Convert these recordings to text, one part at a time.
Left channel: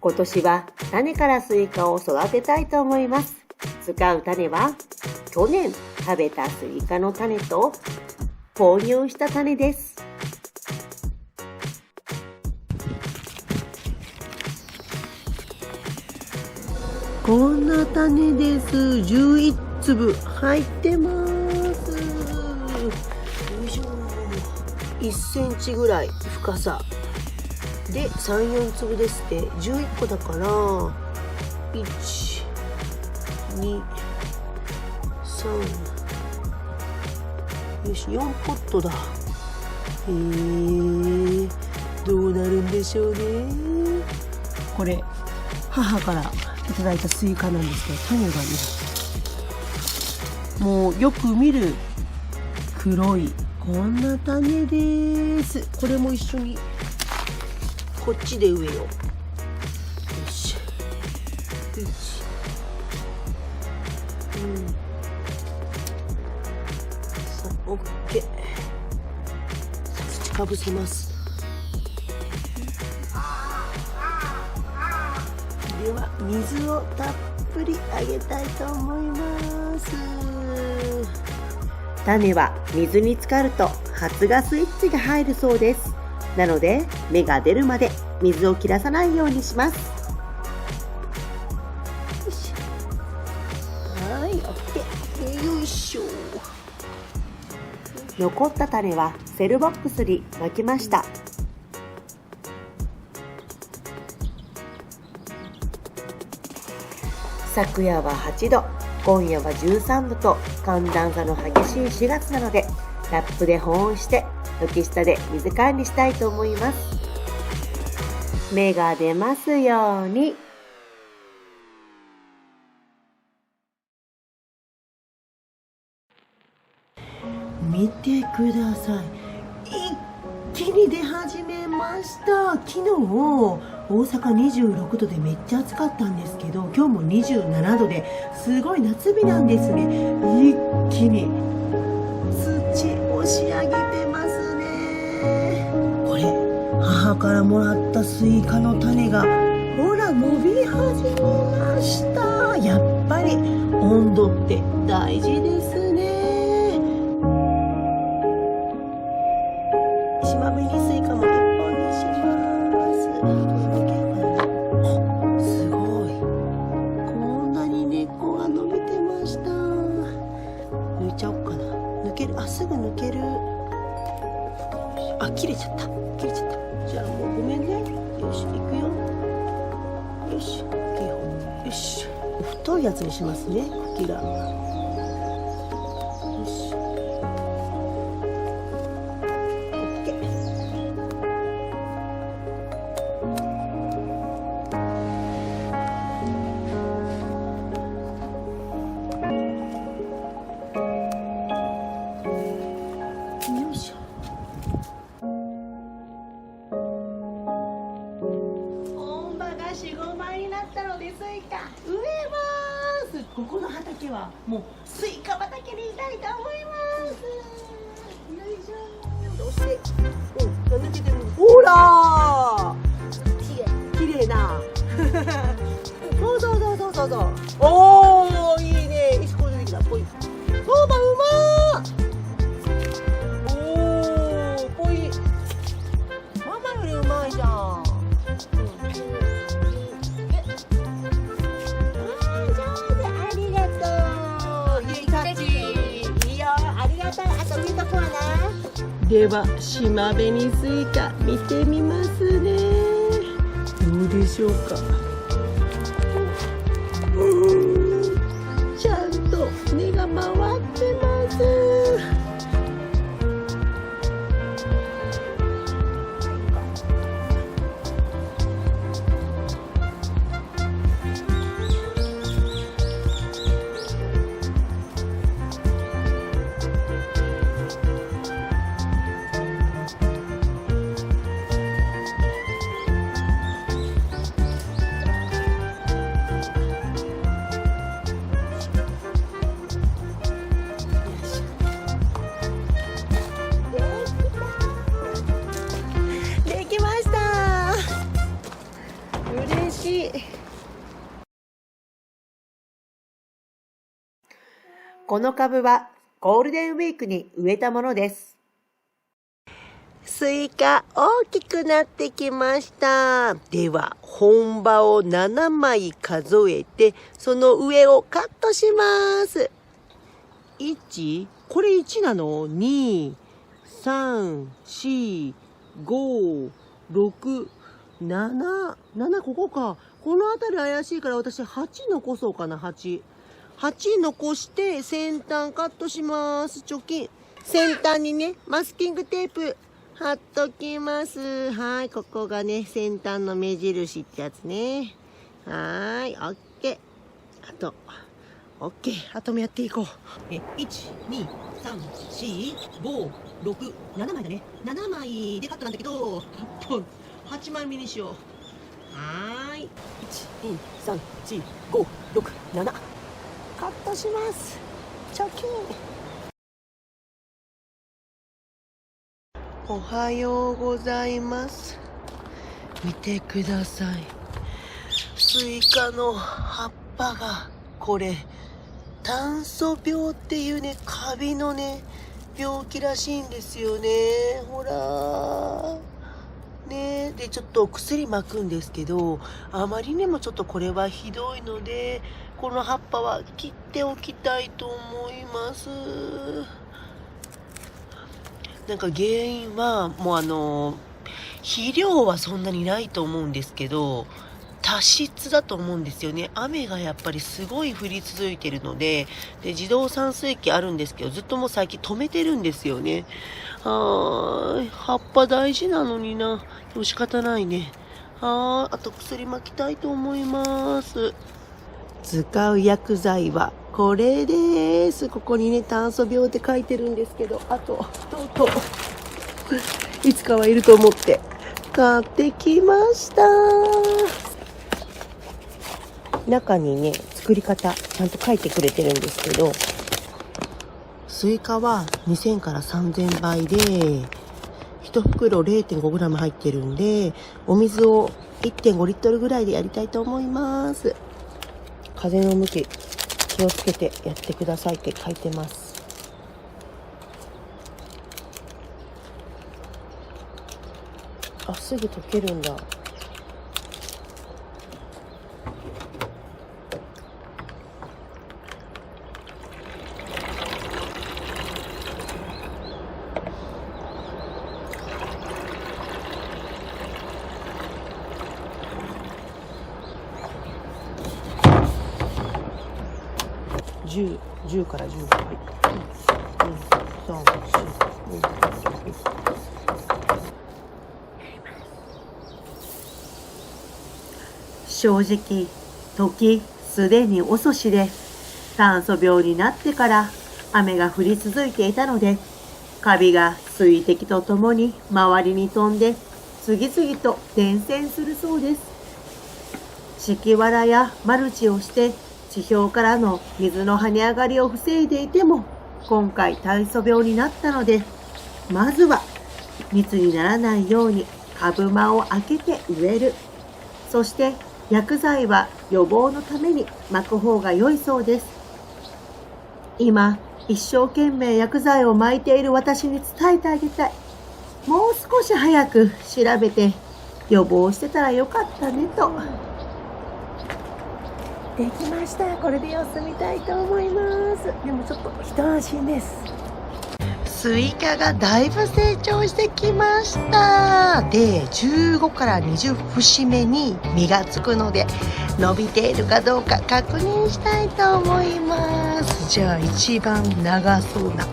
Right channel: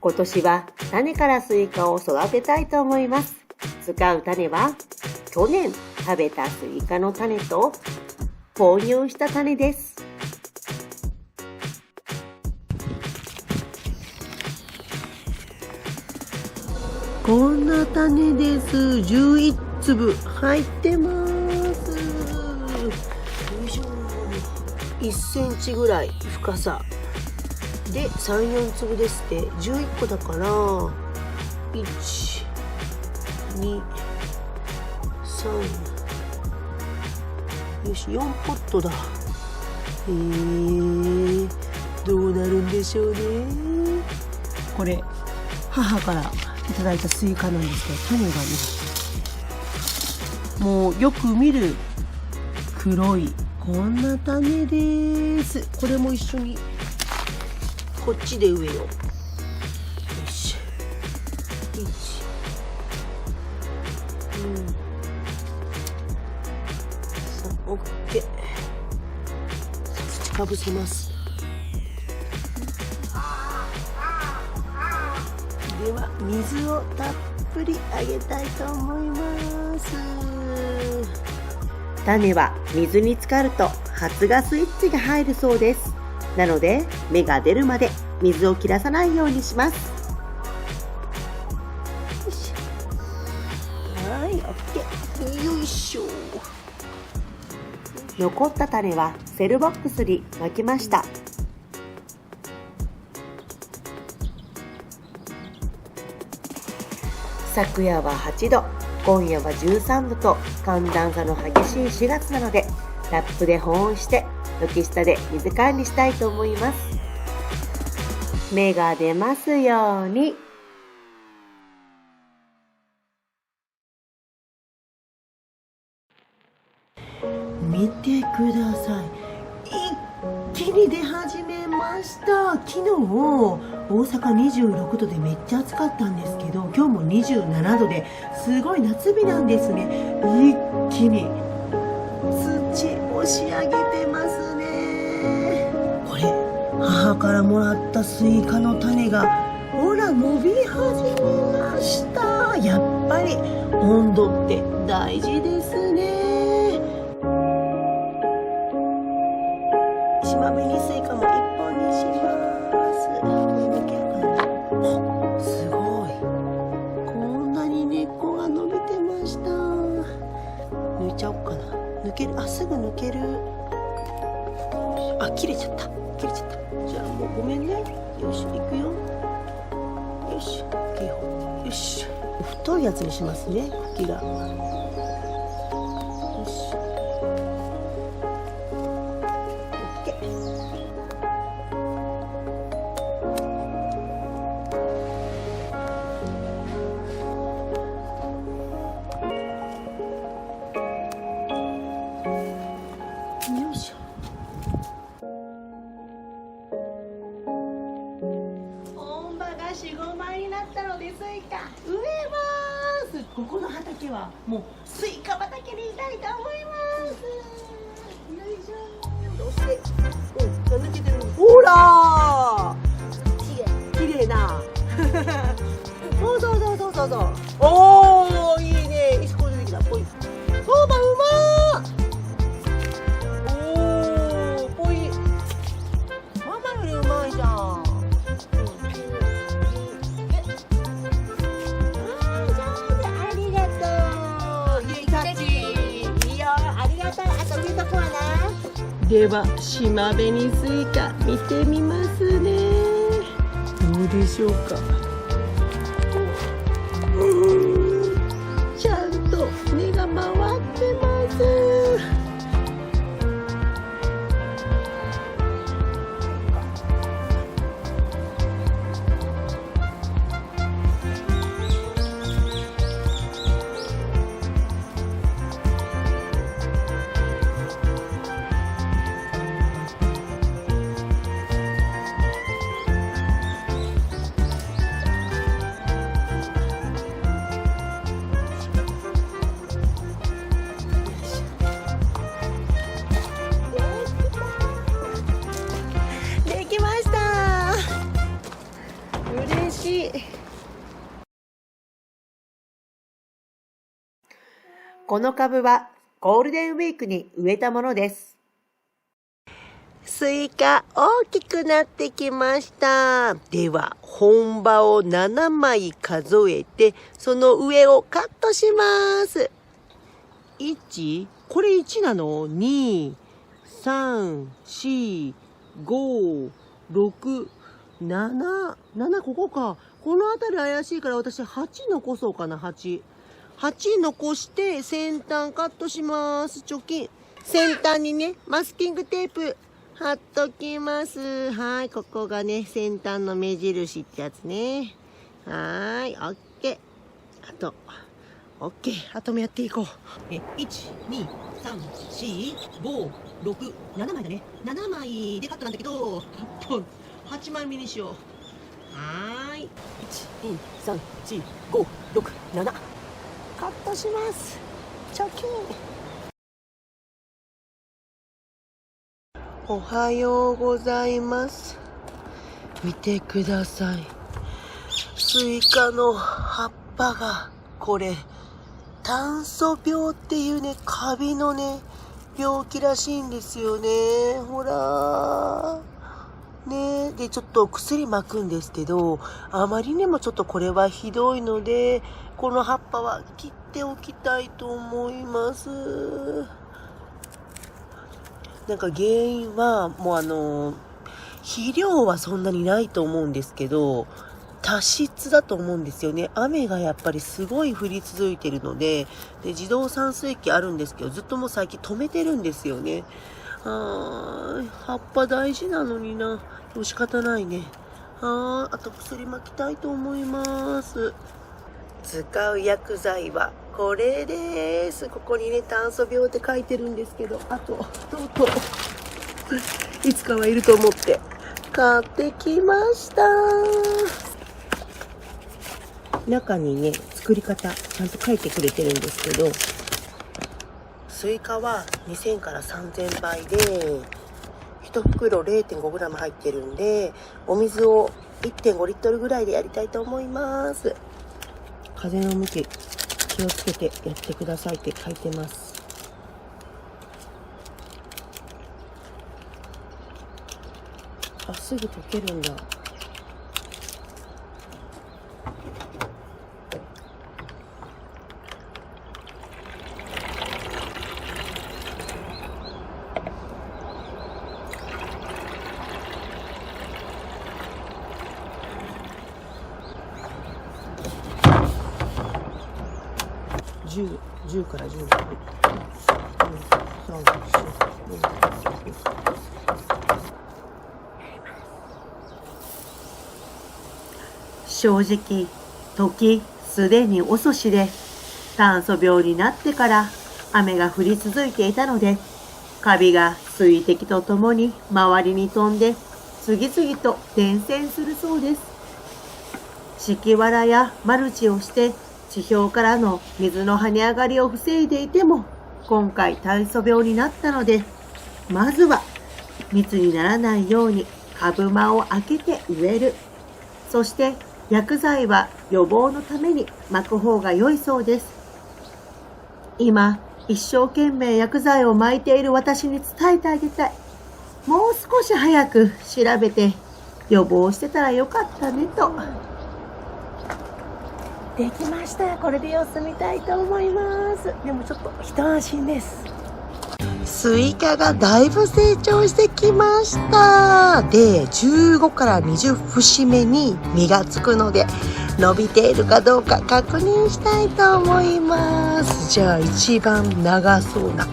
今年は種からスイカを育てたいと思います。使う種は去年食べたスイカの種と購入した種です。こんな種です。11粒入ってます。よいしょ。1センチぐらい深さで3、4粒ですって。11個だから1、2、3、よし、4ポットだ。どうなるんでしょうね。これ母からいただいたスイカなんですけど、種がね、もうよく見る黒いこんな種です。これも一緒にこっちで植えよう。よし、1、さあ、オッケー。さあ、土かぶせます。では水をたっぷりあげたいと思います。種は水に浸かると発芽スイッチが入るそうです。なので芽が出るまで水を切らさないようにします。よし、はい、オッケー。よいしょ。残った種はセルボックスにまきました。昨夜は8度、今夜は13度と寒暖差の激しい4月なので、ラップで保温して軒下で水管理したいと思います。芽が出ますように。見てください。一気に出始めました。昨日大阪26度でめっちゃ暑かったんですけど、今日も27度ですごい夏日なんですね。一気に土押し上げてますね。これ母からもらったスイカの種がほら伸び始めました。やっぱり温度って大事ですね。島紅スイカも1本にします。抜けるかな。すごい、こんなに根っこが伸びてました。抜いちゃおうかな。抜ける。あ、すぐ抜ける。あ、切れちゃった。切れちゃった。じゃあもうごめんね。よし、いくよ。よし、よし。太いやつにしますね、茎が。よし。本葉が4、5枚になったのでスイカ植えます。ここの畑はもうスイカ畑にしたいと思います。よいしょ。そして、抜けてる。ほらー、きれいな。そう。おー、いいね。石ころ出てきた。ぽい。そうばうまー。おー、ぽい。ママよりうまいじゃん。では島紅スイカ見てみますね。どうでしょうか。ちゃんと根が回ってます。この株はゴールデンウィークに植えたものです。スイカ大きくなってきました。では本葉を7枚数えて、その上をカットします。1、これ1なの ?2、3、4、5、6、7、7ここか。この辺り怪しいから私8残そうかな、8残して先端カットします。チョキン。先端にね、マスキングテープ貼っときます。はい、ここがね、先端の目印ってやつね。はい、オッケー。オッケー。あともやっていこう。1、2、3、4、5、6、7枚だね。7枚でカットなんだけど、8枚目にしよう。はーい。1、2、3、4、5、6、7。カットします。チョキン。おはようございます。見てください。スイカの葉っぱが、これ、炭疽病っていうね、カビのね、病気らしいんですよね。ほら。ね、でちょっと薬撒くんですけど、あまりにもちょっとこれはひどいので、この葉っぱは切っておきたいと思います。なんか原因はもう肥料はそんなにないと思うんですけど、多湿だと思うんですよね。雨がやっぱりすごい降り続いてるので、自動散水機あるんですけど、ずっともう最近止めてるんですよね。葉っぱ大事なのにな。でも仕方ないね。あと薬撒きたいと思います。使う薬剤はこれです。ここにね、炭疽病って書いてるんですけど、とうとういつかはいると思って買ってきました。中にね、作り方ちゃんと書いてくれてるんですけど、スイカは2000から3000倍で1袋 0.5g 入ってるんで、お水を 1.5 リットルぐらいでやりたいと思います。風の向き気をつけてやってくださいって書いてます。すぐ溶けるんだ。10から10まで。正直、時すでに遅しで、炭疽病になってから雨が降り続いていたので、カビが水滴とともに周りに飛んで、次々と伝染するそうです。敷きわらやマルチをして、地表からの水の跳ね上がりを防いでいても、今回炭疽病になったので、まずは密にならないように株間を空けて植える。そして薬剤は予防のために撒く方が良いそうです。今、一生懸命薬剤を撒いている私に伝えてあげたい。もう少し早く調べて予防してたらよかったねと。できました。これで様子見たいと思います。でもちょっと一安心です。スイカがだいぶ成長してきました。で、15から20節目に実がつくので、伸びているかどうか確認したいと思います。じゃあ一番長そうな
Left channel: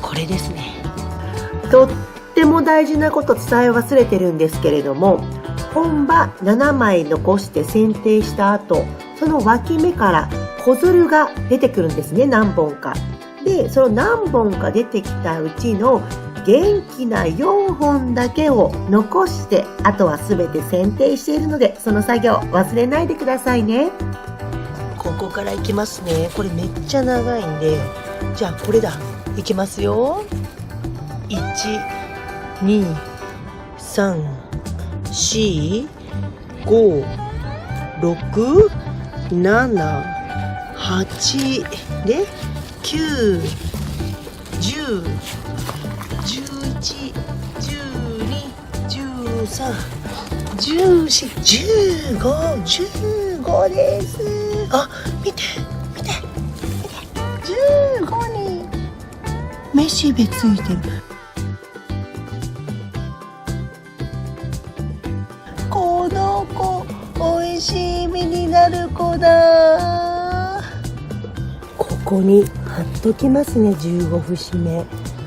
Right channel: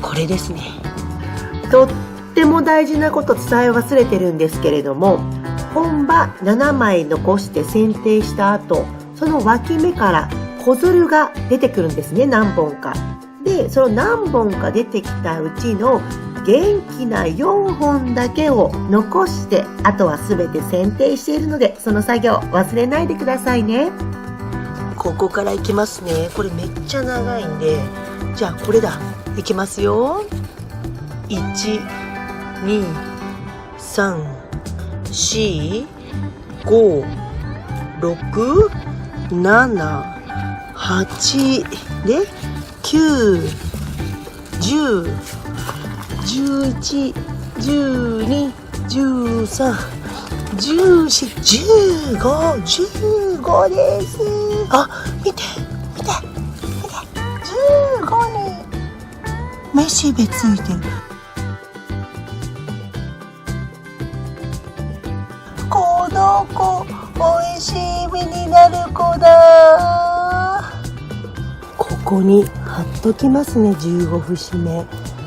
これですね。とっても大事なこと伝え忘れてるんですけれども、本葉7枚残して剪定した後、その脇芽から子づるが出てくるんですね、何本か。で、その何本か出てきたうちの元気な4本だけを残して、あとは全て剪定しているので、その作業忘れないでくださいね。ここからいきますね。これめっちゃ長いんで、じゃあこれだ。いきますよ。1、2、3、4、5、6、6、7、8で9、10、11、12、13、14、15です。あ、見て15にめしべついてる。この子おいしい実になる子だ。ここに貼っときますね、15節目。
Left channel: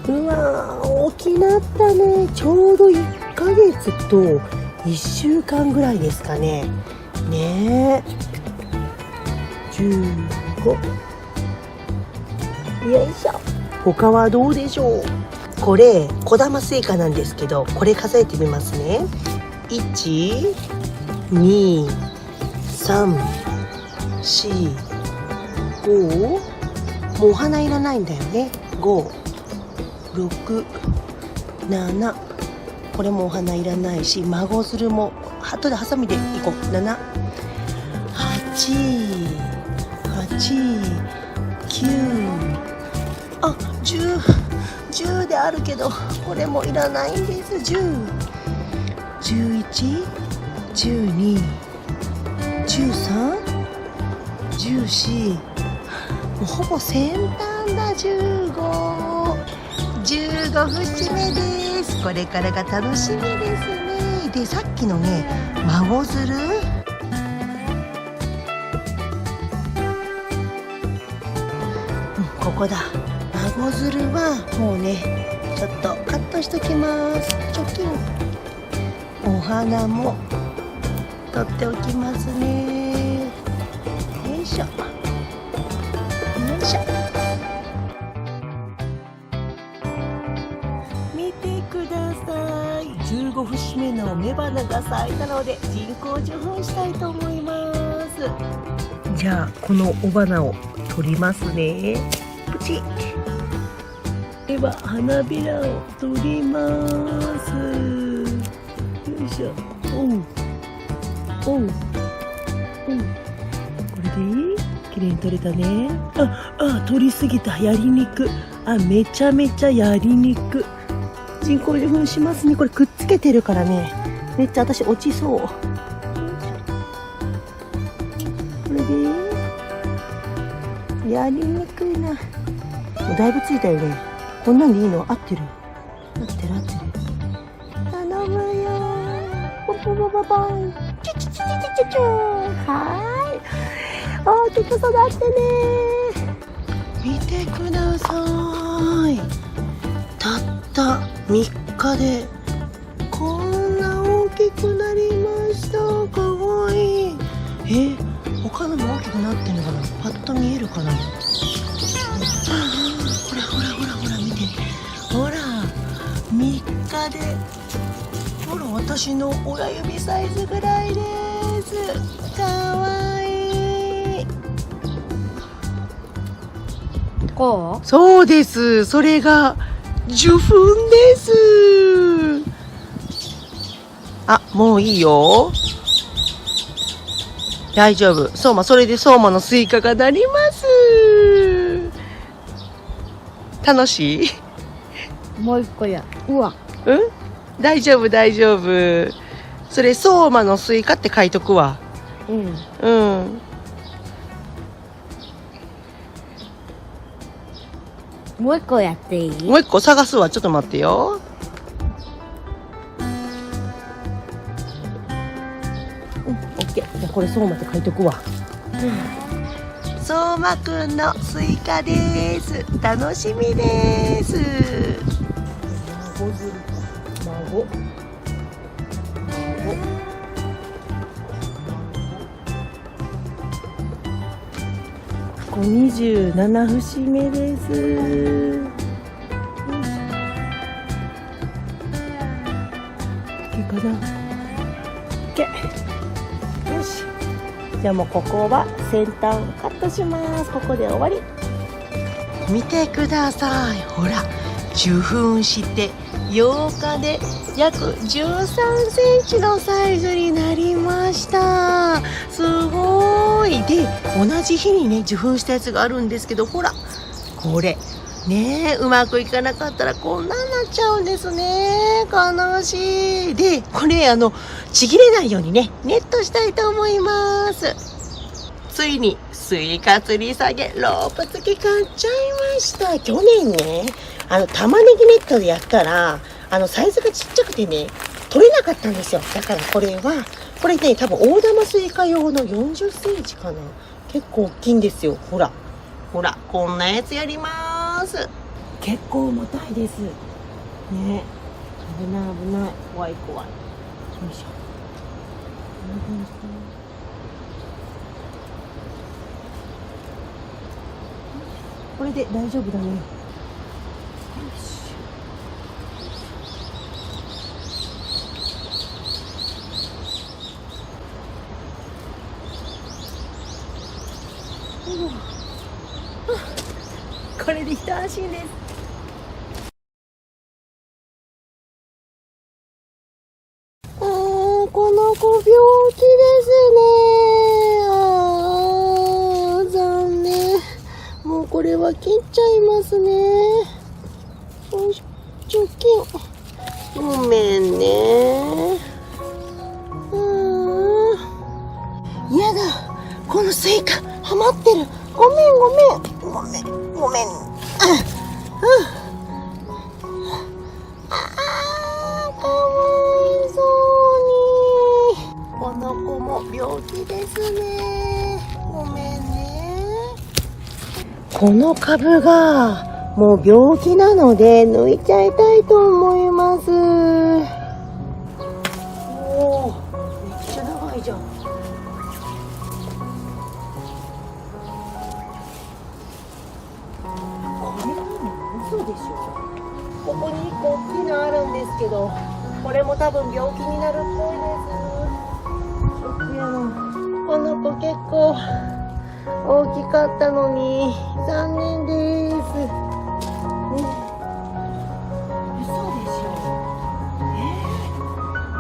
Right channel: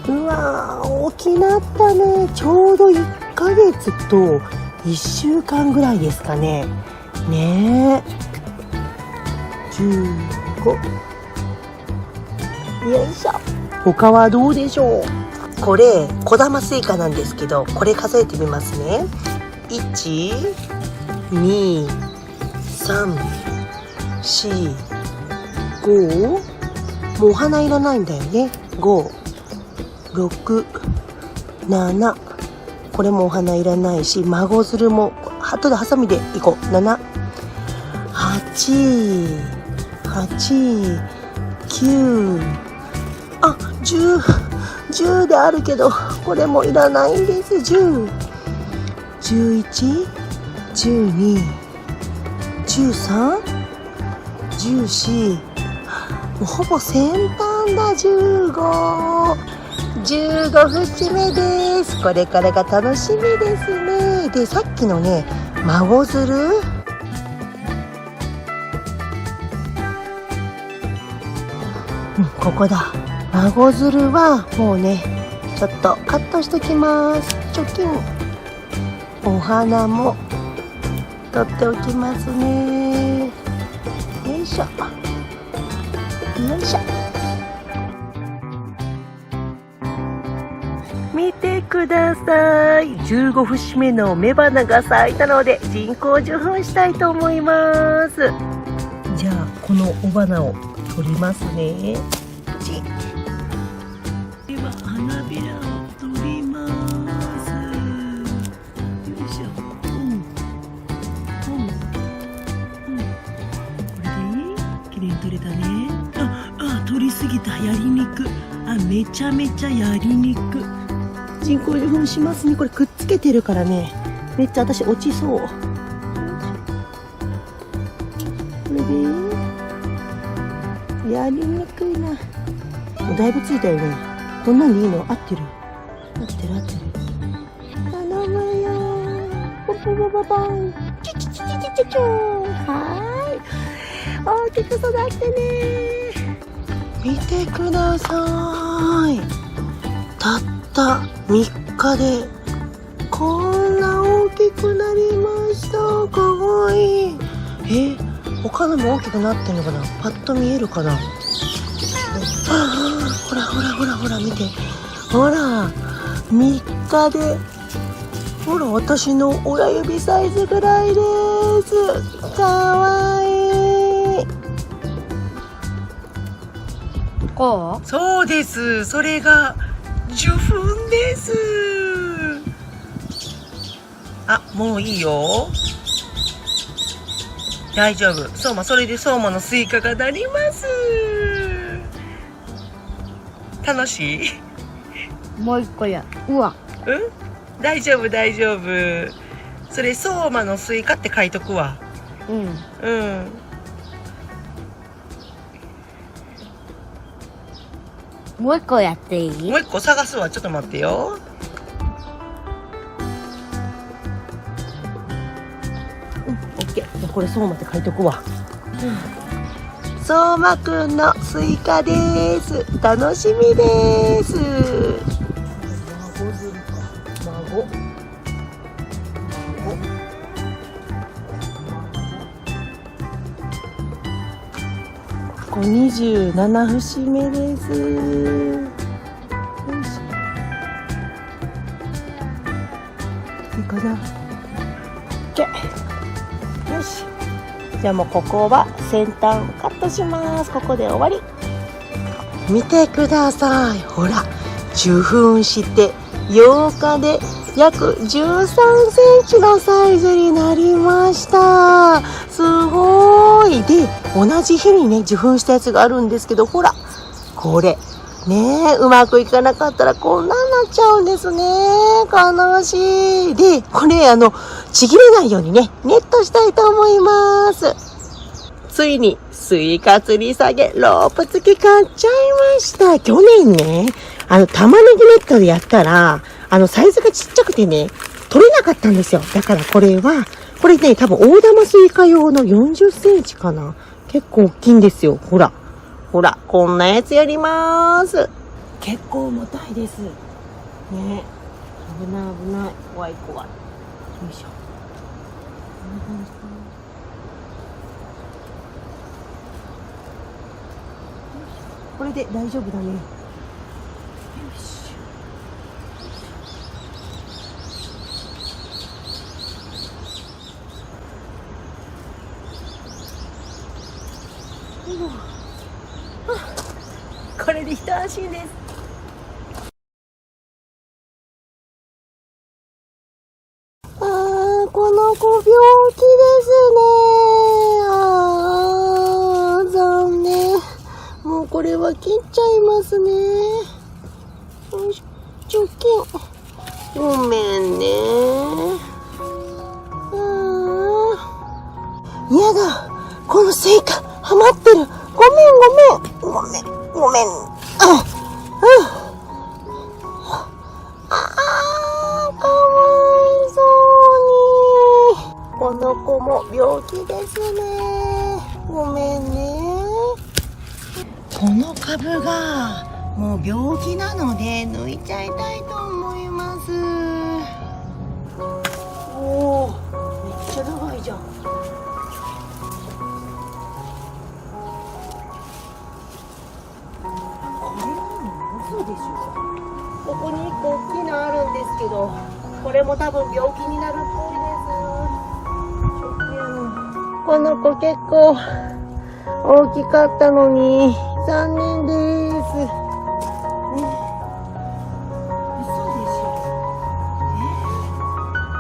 うわー、大きなったね。ちょうど1ヶ月と1週間ぐらいですかね。ねえ、15。よいしょ。他はどうでしょう。これ小玉スイカなんですけど、これ数えてみますね。1、2、3、4、5。もうお花いらないんだよね。5、6、7。これもお花いらないし、孫づるも後でハサミでいこう。7、8、9。あ、10であるけど、これもいらないんです。10、11、12、13、14。もうほぼ先端だ。15節目です。これからが楽しみですね。で、さっきのね、孫づる、ここだ。孫づるはもうね、ちょっとカットしときます。貯金。お花も取っておきますね。よいしょよいしょ。見てください。15節目の雌花が咲いたので人工授粉したいと思います。じゃあこの雄花を取りますね。プチ。では花びらを取ります。よいしょ。これでいい？きれいに取れたね。取りすぎた。やりにく。めちゃめちゃやりにく。人工授粉しますね。これくっつけてるからね、めっちゃ私落ちそう。これでやりにくいな。もうだいぶついたよね。こんなんでいいの？合ってる。頼むよ。ポンポンポンポンポン。チュチュチュチュチュチュ。はい。大きく育ってね。見てください。たった3日でこんな大きくなりました。かわいい。他のも大きくなってんのかな。パッと見えるかな。ほら見て。ほら3日で、ほら私の親指サイズぐらいです。かわいい。こう？そうです。それが受粉です。もういいよ。大丈夫。相馬、それで相馬のスイカがなります。楽しい？もう一個や。大丈夫。それ相馬のスイカって書いとくわ。もう一個やっていい？もう一個探すわ。ちょっと待ってよ。オッケー。じゃあこれ相馬って書いとくわ。相馬くんのスイカです。楽しみです。孫づるか。孫。これ27節目です。いいかな。OK。よし。じゃあもうここは先端カットします。ここで終わり。見てください。ほら、受粉して8日で約13センチのサイズになりました。す同じ日にね、受粉したやつがあるんですけど、ほら、これ。ねえ、うまくいかなかったらこんなんなっちゃうんですね。悲しい。で、これちぎれないようにね、ネットしたいと思います。ついに、スイカ吊り下げ、ロープ付き買っちゃいました。去年ね、玉ねぎネットでやったら、サイズがちっちゃくてね、取れなかったんですよ。だからこれね、多分大玉スイカ用の40センチかな。結構大きいんですよ。ほら。ほら、こんなやつやります。結構重たいです。ね。危ない危ない。怖い怖い。よいしょ。こんな感じかな。これで大丈夫だね。よし。これで一安心です。この子病気ですね。残念。もうこれは切っちゃいますね。よいしょ、貯金。ごめんね。やだ。このスイカ、はまってる。ごめん。かわいそうに。この子も病気ですね。ごめんね。この株がもう病気なので抜いちゃいたいと思います。おー、めっちゃ長いじゃん。嘘でしょ。ここに1個大きいのあるんですけど、これも多分病気になるっぽいです。この子結構大きかったのに残念です。嘘でしょ。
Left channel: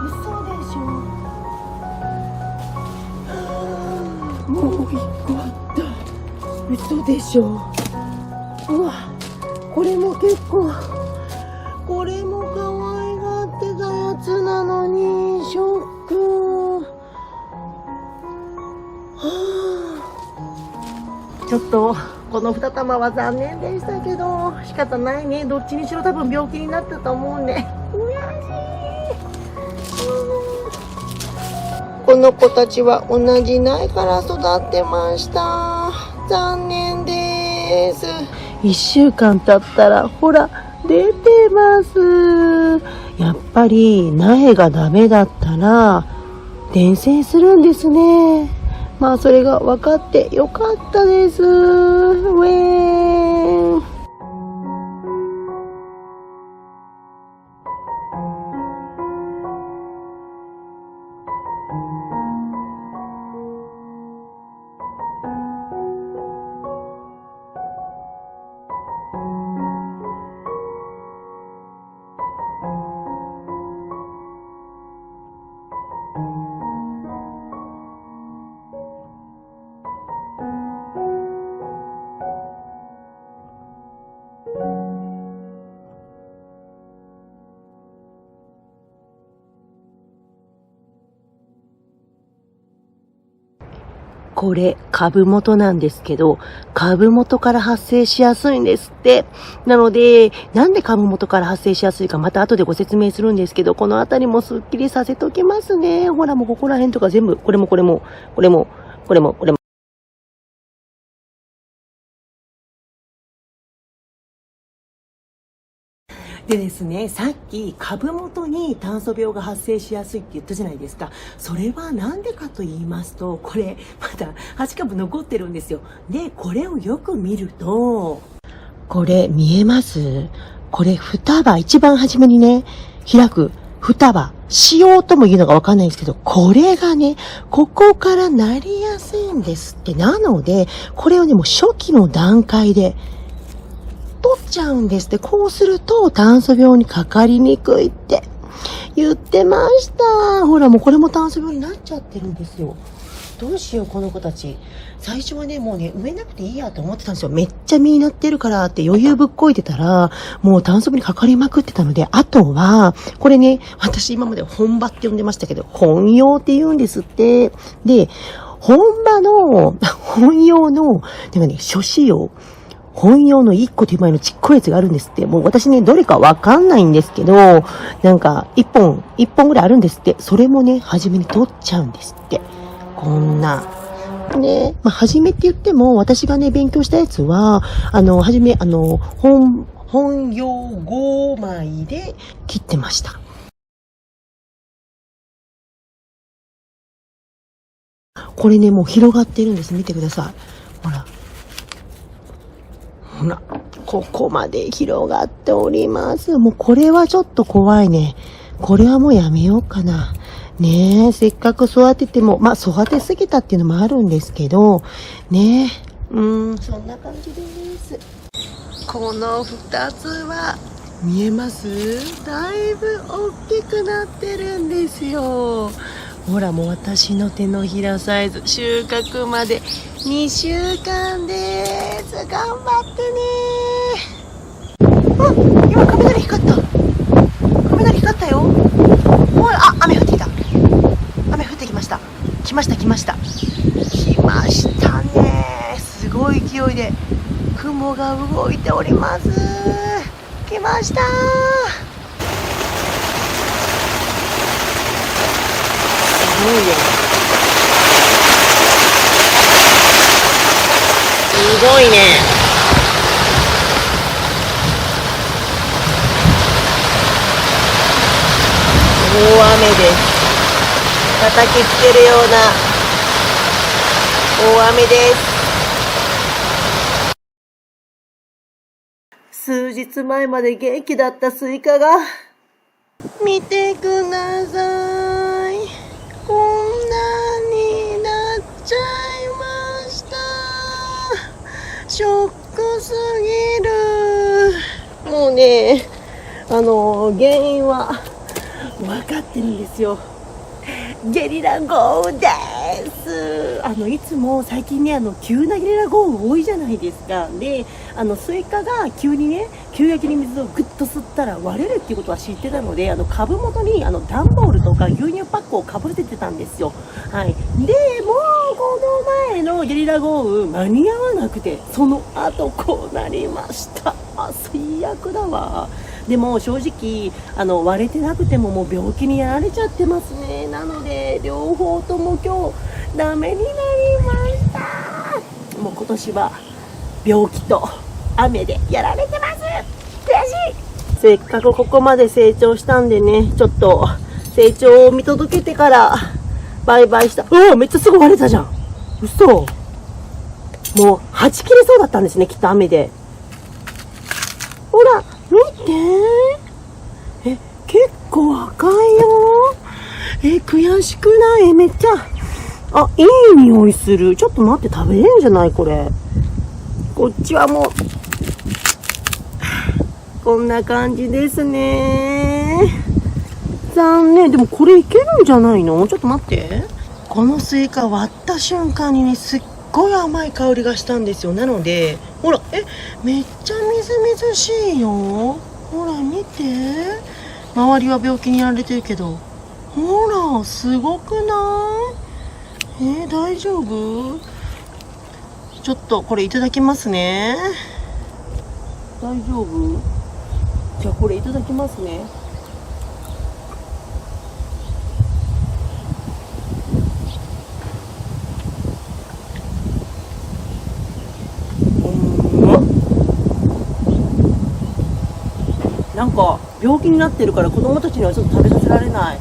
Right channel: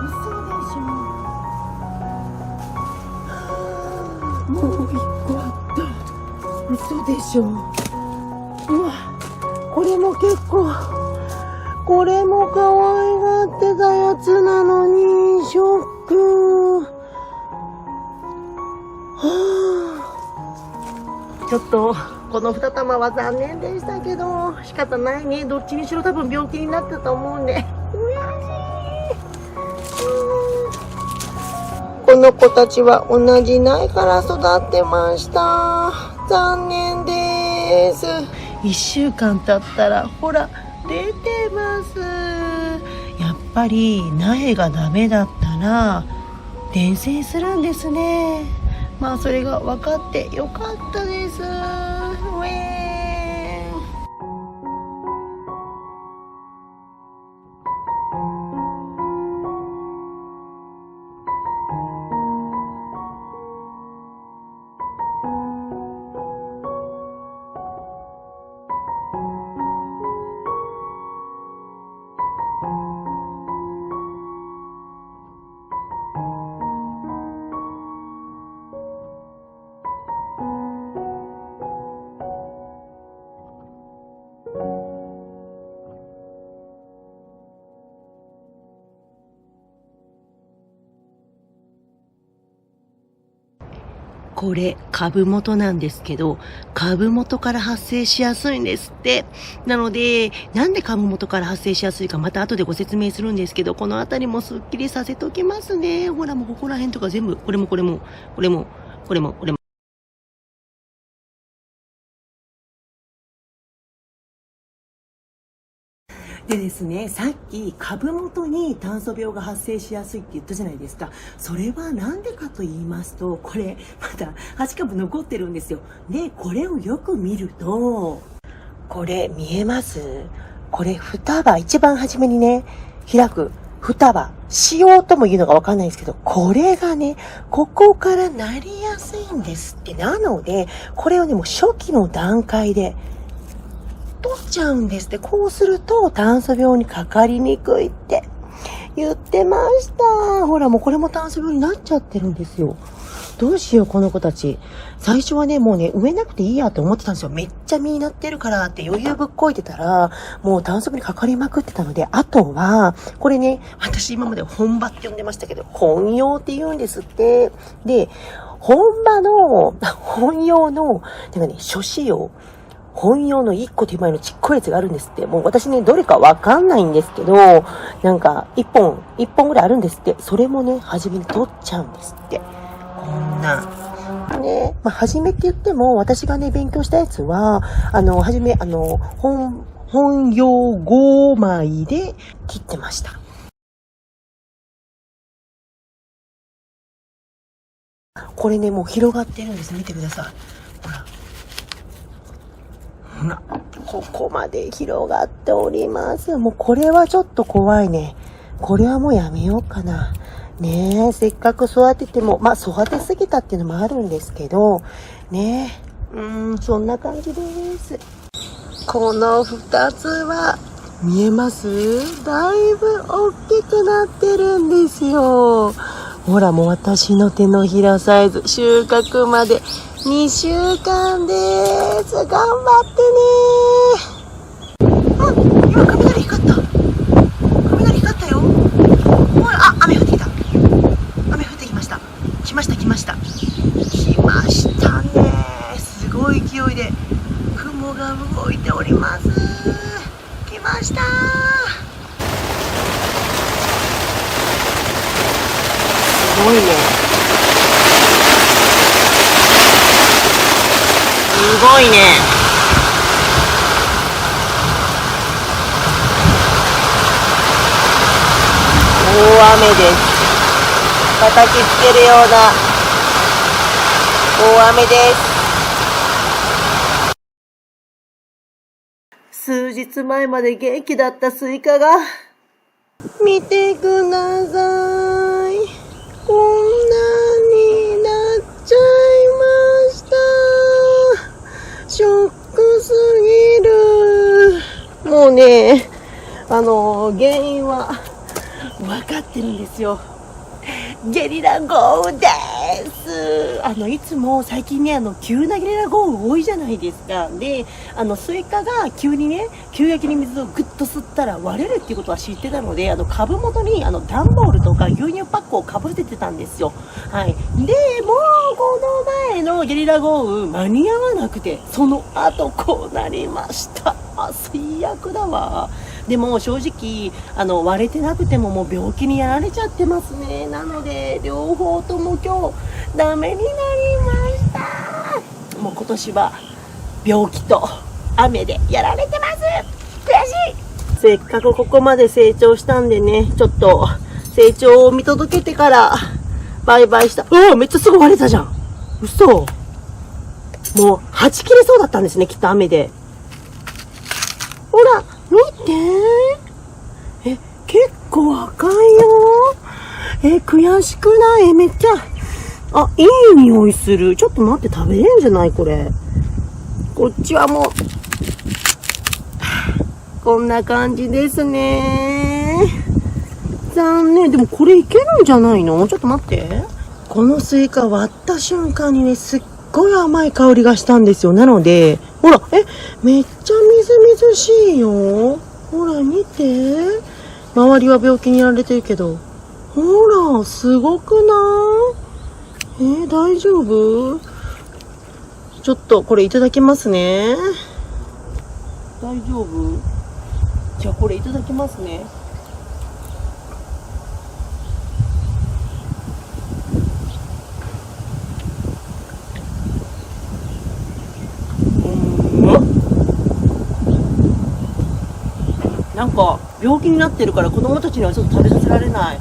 嘘でしょ。もう1個あった。嘘でしょ。うわ、これも結構、これも可愛がってたやつなのに、ショック。ちょっと、この2玉は残念でしたけど、仕方ないね。どっちにしろ多分病気になったと思うんで。悔しい。この子たちは同じ苗から育ってました。残念です。1週間経ったらほら出てます。やっぱり苗がダメだったら伝染するんですね。まあそれが分かってよかったです。ウェーン。これ株元なんですけど、株元から発生しやすいんですって。なので、なんで株元から発生しやすいかまた後でご説明するんですけど、このあたりもすっきりさせときますね。ほらもうここら辺とか全部、これも。でですね、さっき株元に炭素病が発生しやすいって言ったじゃないですか。それはなんでかと言いますと、これまだ8株残ってるんですよ。で、これをよく見ると、これ見えます？これ双葉、一番初めにね、開く双葉、しようとも言うのかわかんないんですけど、これがね、ここからなりやすいんですって。なので、これをね、もう初期の段階で、取っちゃうんですって。こうすると炭素病にかかりにくいって言ってました。ほらもうこれも炭素病になっちゃってるんですよ。どうしようこの子たち。最初はね、もうね、植えなくていいやと思ってたんですよ。めっちゃ実になってるからって余裕ぶっこいてたら、もう短足にかかりまくってたので、あとは、これね、私今まで本場って呼んでましたけど、本葉って言うんですって。で、本葉の、なんかね、初子葉。本葉の一個手前のちっこいやつがあるんですって。もう私ね、どれかわかんないんですけど、なんか、一本ぐらいあるんですって。それもね、初めに取っちゃうんですって。こんな。ね、まあ、初めって言っても、私がね、勉強したやつは、初め、本葉5枚で切ってました。これね、もう広がってるんです。見てください。ほら。ほら、ここまで広がっております。もうこれはちょっと怖いね。これはもうやめようかな。ねえ、せっかく育てても、まあ育てすぎたっていうのもあるんですけど、ねえ、そんな感じです。この2つは、見えます？だいぶ大きくなってるんですよ。ほら、もう私の手のひらサイズ、収穫まで2週間です。頑張ってね。あ、今雷光った。雷光ったよ。おい、あ、雨降ってきた。雨降ってきました。来ました。来ましたね。すごい勢いで雲が動いております。来ました。すごいね。すごいね。大雨です。叩きつけるような大雨です。数日前まで元気だったスイカが、見てください。こんなになっちゃいました。ショックすぎる。もうね、原因は分かってるんですよ。ゲリラ豪雨です。いつも最近ね、急なゲリラ豪雨多いじゃないですか。で、スイカが急にね、急激に水をぐっと吸ったら割れるっていうことは知ってたので、株元に、段ボールとか牛乳パックをかぶせてたんですよ。はい。で、もう、この前のゲリラ豪雨、間に合わなくて、その後こうなりました。最悪だわ。でも正直割れてなくてももう病気にやられちゃってますね。なので両方とも今日ダメになりました。もう今年は病気と雨でやられてます。悔しい。せっかくここまで成長したんでね、ちょっと成長を見届けてからバイバイした。めっちゃすぐ割れたじゃん。嘘。もうはち切れそうだったんですね、きっと雨で。ほら見て。結構赤いよ。悔しくない？めっちゃ。いい匂いする。ちょっと待って、食べれんじゃないこれ。こっちはもう、こんな感じですね。残念。でもこれいけるんじゃないの？ちょっと待って。このスイカ割った瞬間にね、すっごい甘い香りがしたんですよ。なので、ほら、めっちゃみずみずしいよ。ほら、見て。周りは病気にやられてるけど。ほら、すごくない？大丈夫？ちょっと、これいただきますね。大丈夫？じゃあ、これいただきますね。なんか病気になってるから子供たちにはちょっと食べさせられない。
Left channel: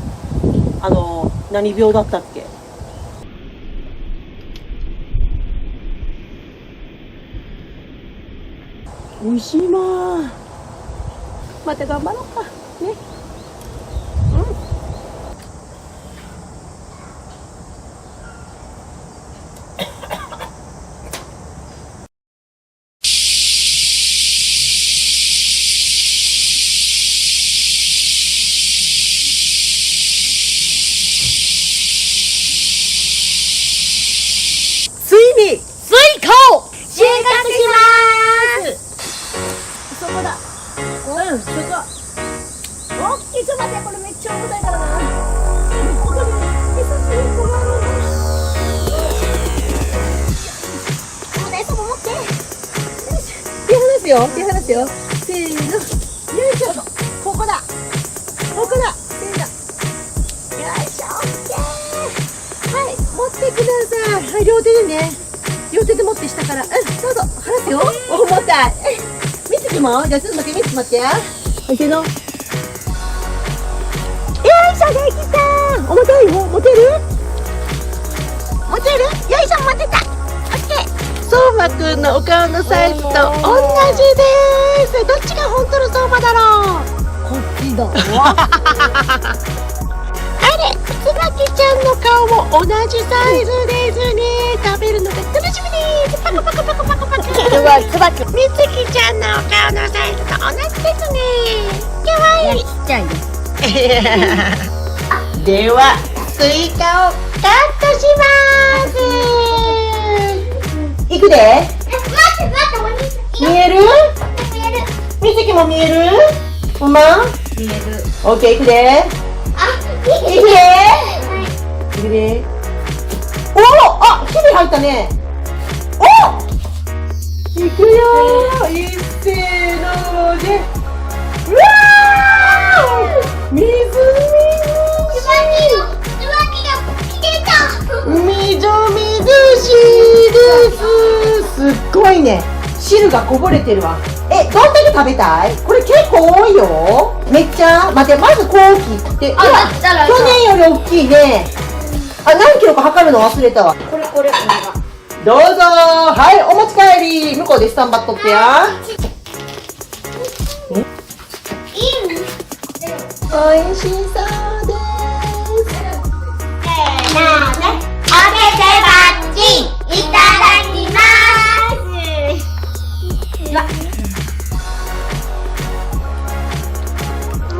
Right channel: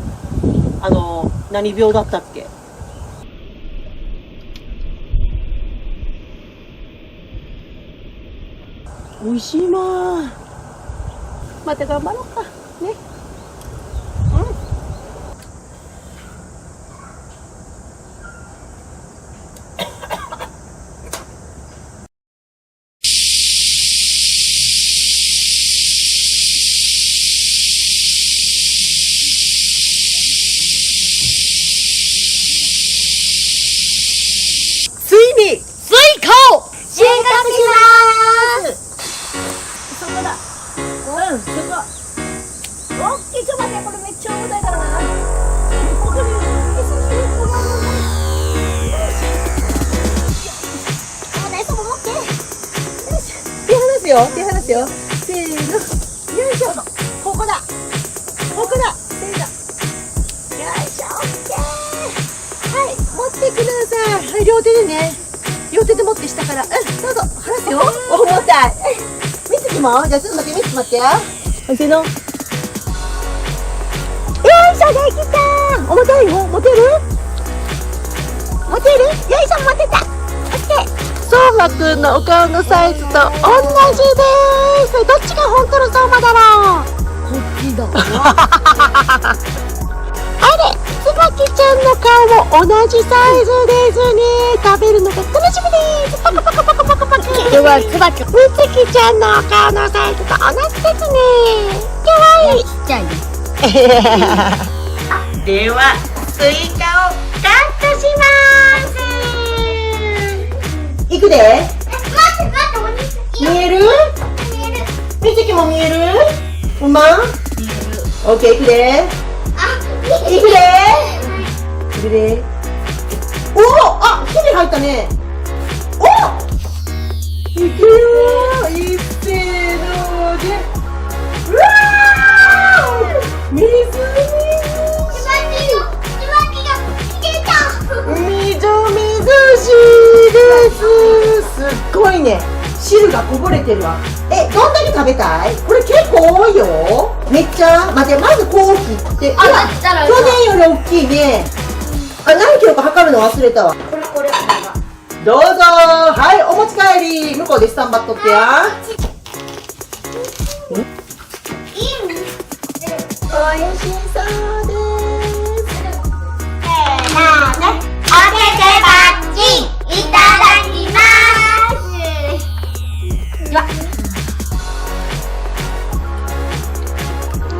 何病だったっけ？美味しいな。また頑張ろうかね。よ。手離すよ。せーの。よいしょ。ここだ。ここだ。せーの。よいしょ。オッケー。はい、持ってください。はい、両手でね。両手で持って下から。うん、どうぞ。離すよ。重たい。みつきも。じゃあちょっとだけみつき待って。はい、せーの。よいしょ、できた。重たいよ。持てる？持てる？よいしょ、持てた。オッケー。相馬くんのお顔のサイズと同じです。どっちが本当の相馬だろう。こっちだわ。あれ、つばきちゃんの顔も同じサイズですね。食べるのが楽しみです。パクパクパクパクパク。つばきみつきちゃんのお顔のサイズと同じですね。かわいい。ちっちゃいね。では、スイカをカットします。いくで。見える？みつきも見える？ほんま？見える。オッケー、いくで。いくで。いくで。おお、あ、火に入ったね。お。いくよー。いっせーので。うわー。みずみずしいです。すっごいね。汁がこぼれてるわ。どんだけ食べたい？これ結構多いよ。めっちゃ。待って、まずこう切って。あ、だったら。去年より大きいね。あ、何キロか測るの忘れたわ。これ。どうぞ。はい、お持ち帰り。向こうでスタンバっとってや。おいしそうです。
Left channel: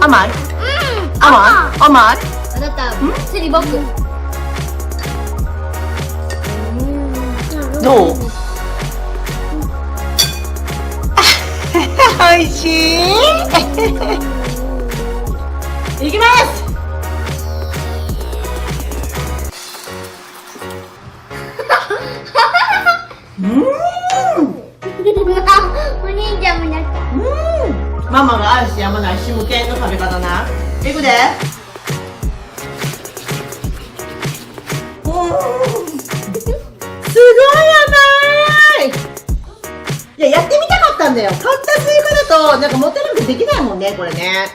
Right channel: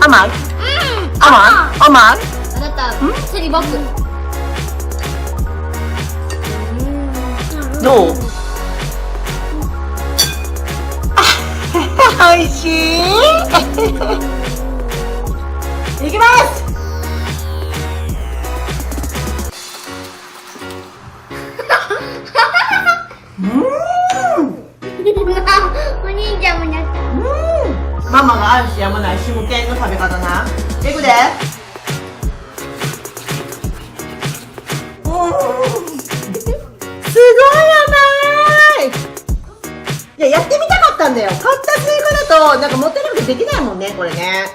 甘い？甘い？あなた、セリボク。どう？おいしい。いきます。お兄ちゃんもやった。ママが愛してやまないシムケンの食べ方な。いくで。すごい甘い。いや、やってみたかったんだよ。買ったスイカだとなんか持ってなくてできないもんね、これね。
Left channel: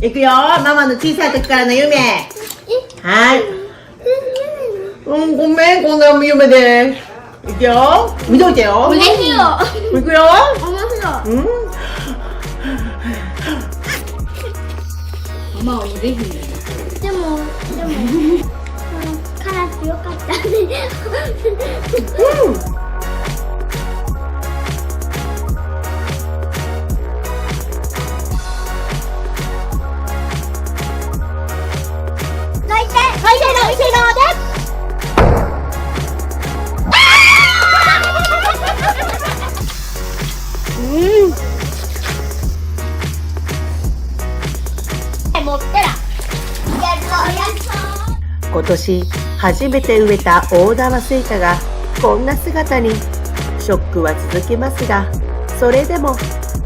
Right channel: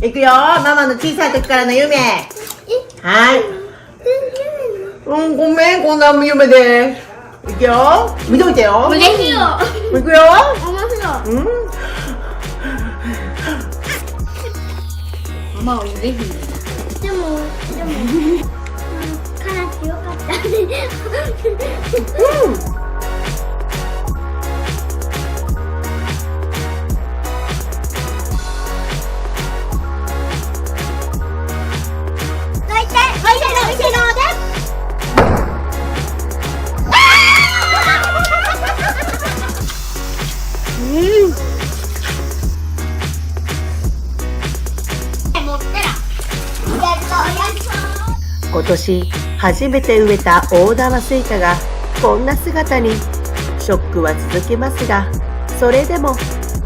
いくよ、ママの小さい時からの夢。はい。ごめん、こんな夢で。いくよ、見といてよ。嬉しいよ。いくよ。面白い。ママ嬉しい。でも、辛くてよかったね。今年初めて植えた大玉スイカがこんな姿に。ショックは続きますが、それでも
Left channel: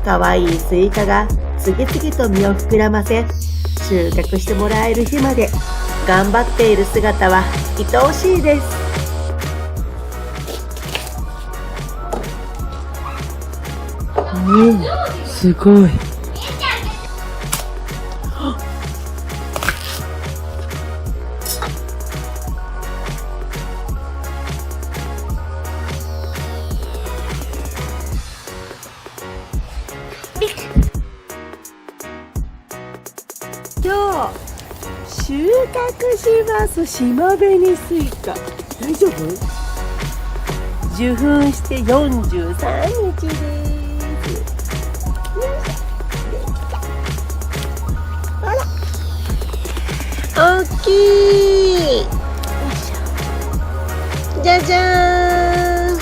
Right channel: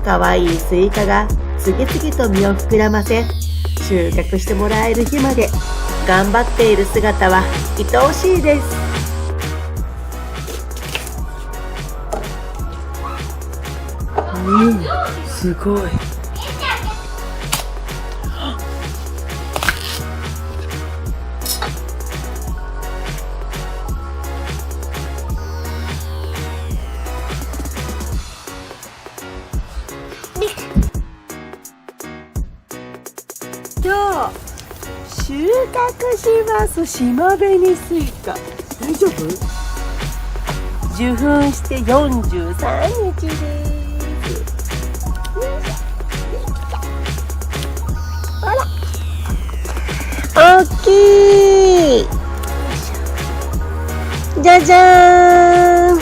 可愛いスイカが次々と実を膨らませ、収穫してもらえる日まで頑張っている姿は愛おしいです。すごい。今日収穫します島紅スイカ。大丈夫？受粉して43日です。ほら、大きい。じゃじゃーん。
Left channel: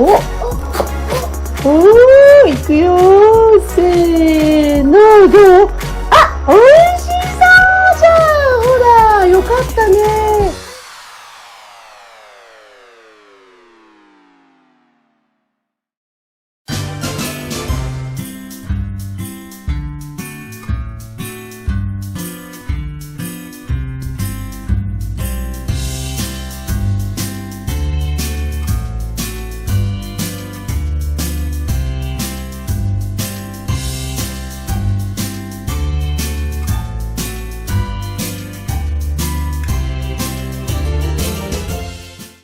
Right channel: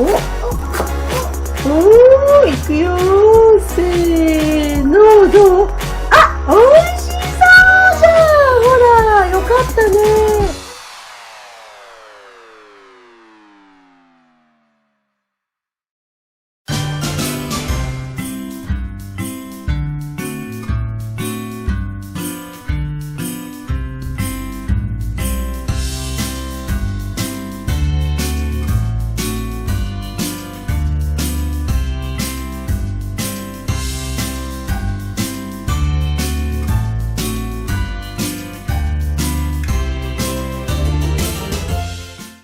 おー、いくよー。せー